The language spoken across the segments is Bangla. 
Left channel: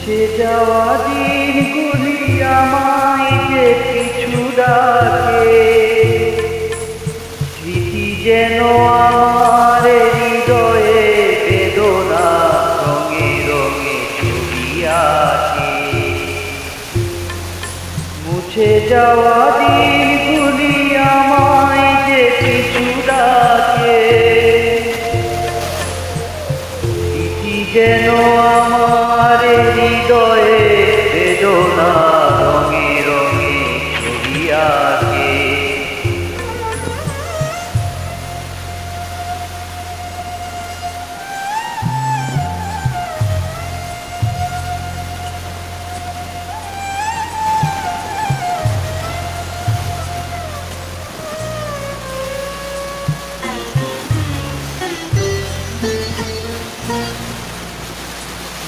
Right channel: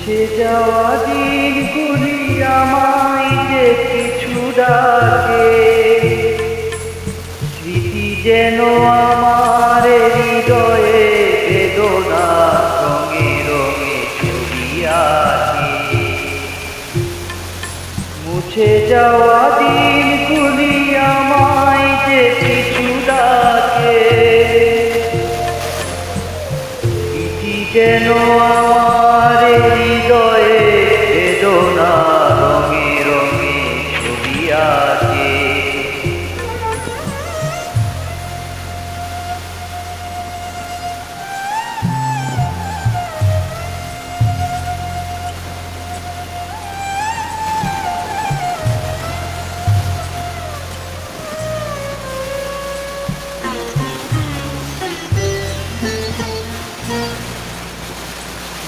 সে যাওয়া দিনগুলি আমায় যে পিছু ডাকে, স্মৃতি যেন আমার হৃদয়ে বেদনা রঙে রঙে ছবি আঁকে। মুছে যাওয়া দিনগুলি আমায় যে পিছু ডাকে, স্মৃতি যেন আমার হৃদয়ে বেদনা রঙে রঙে ছবি আঁকে।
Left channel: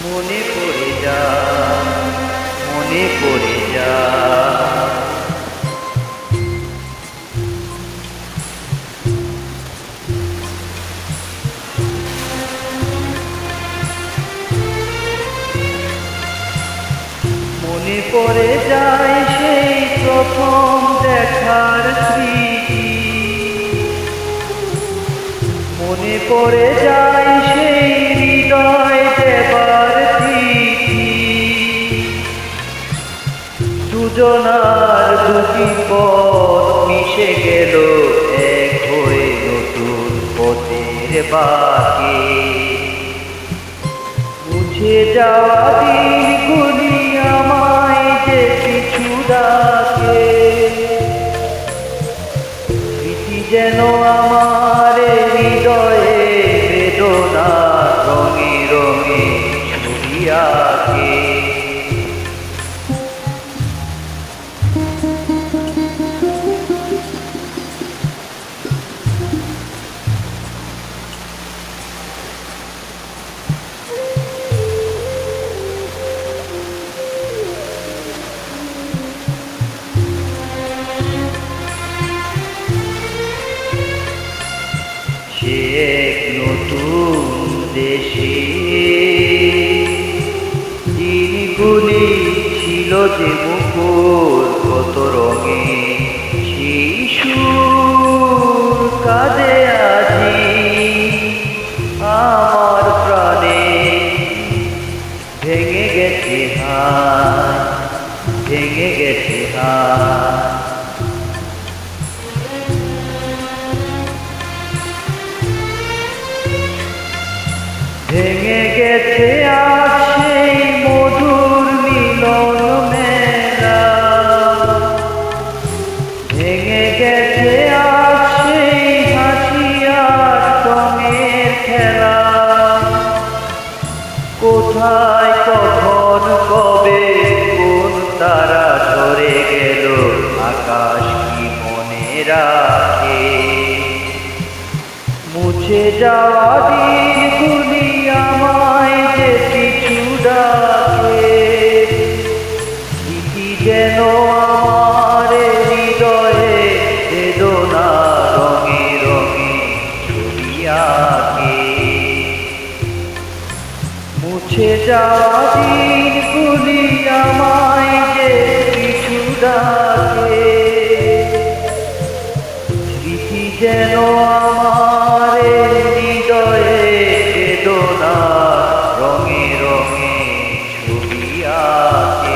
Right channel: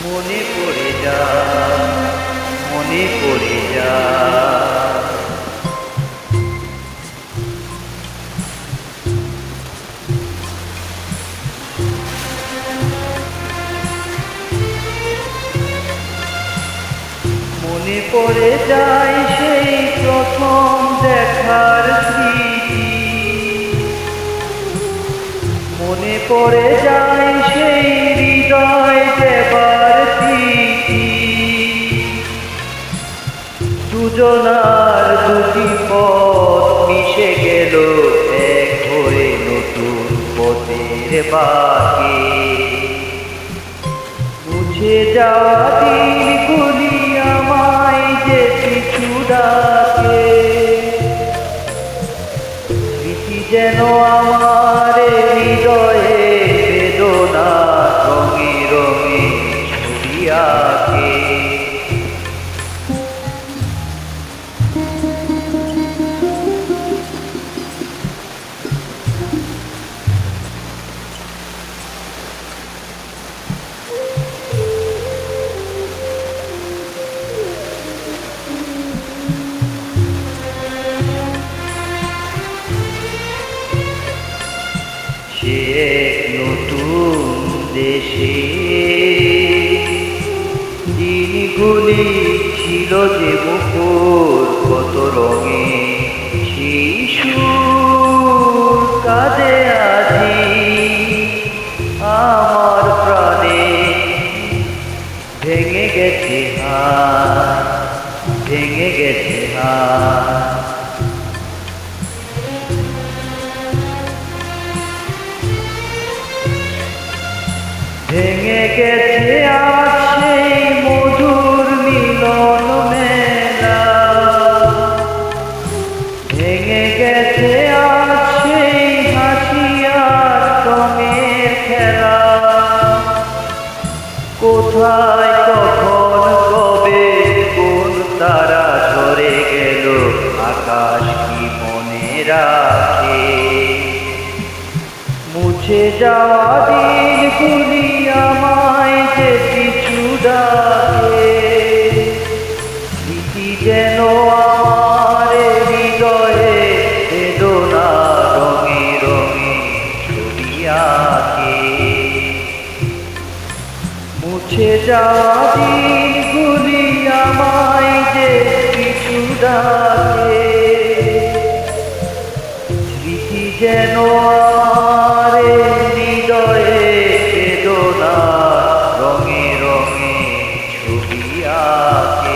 মনে পড়ে যা, মনে পড়ে যা, মনে পড়ে যায় সেই প্রথম দেখার স্মৃতি, মনে পড়ে যায় সেই হৃদয় দেবার তিথি। দুজনার দুটি পথ মিশে গেল এক হয়ে নতুন পথের বাঁকে। মুছে যাওয়া দিনগুলি আমায় যে পিছু ডাকে, স্মৃতি যেন আমার হৃদয়ে বেদনা রঙে রঙে ছবি আঁকে। সে এক নতুন দেশে দিনগুলি ছিল যে মুখর কত রঙে, সেই সুর কাঁদে আজি আমার প্রাণে। ভেঙে গেছে হায়, ভেঙে গেছে হায়, ভেঙে গেছে আজ সেই মধুর মিলন মেলা, ভেঙে গেছে আজ সেই হাসি আর রঙের খেলা। কোথায় কখন কবে কোন তারা ঝরে গেল, আকাশ কি মনে রাখে। মুছে যাওয়া দিনগুলি আমায় যে পিছু ডাকে, স্মৃতি যেন আমার হৃদয়ে বেদনা রঙে রঙে ছবি আঁকে। মুছে যাওয়া দিনগুলি আমায় যে পিছু ডাকে, স্মৃতি যেন আমার হৃদয়ে বেদনা রঙে রঙে ছবি আঁকে।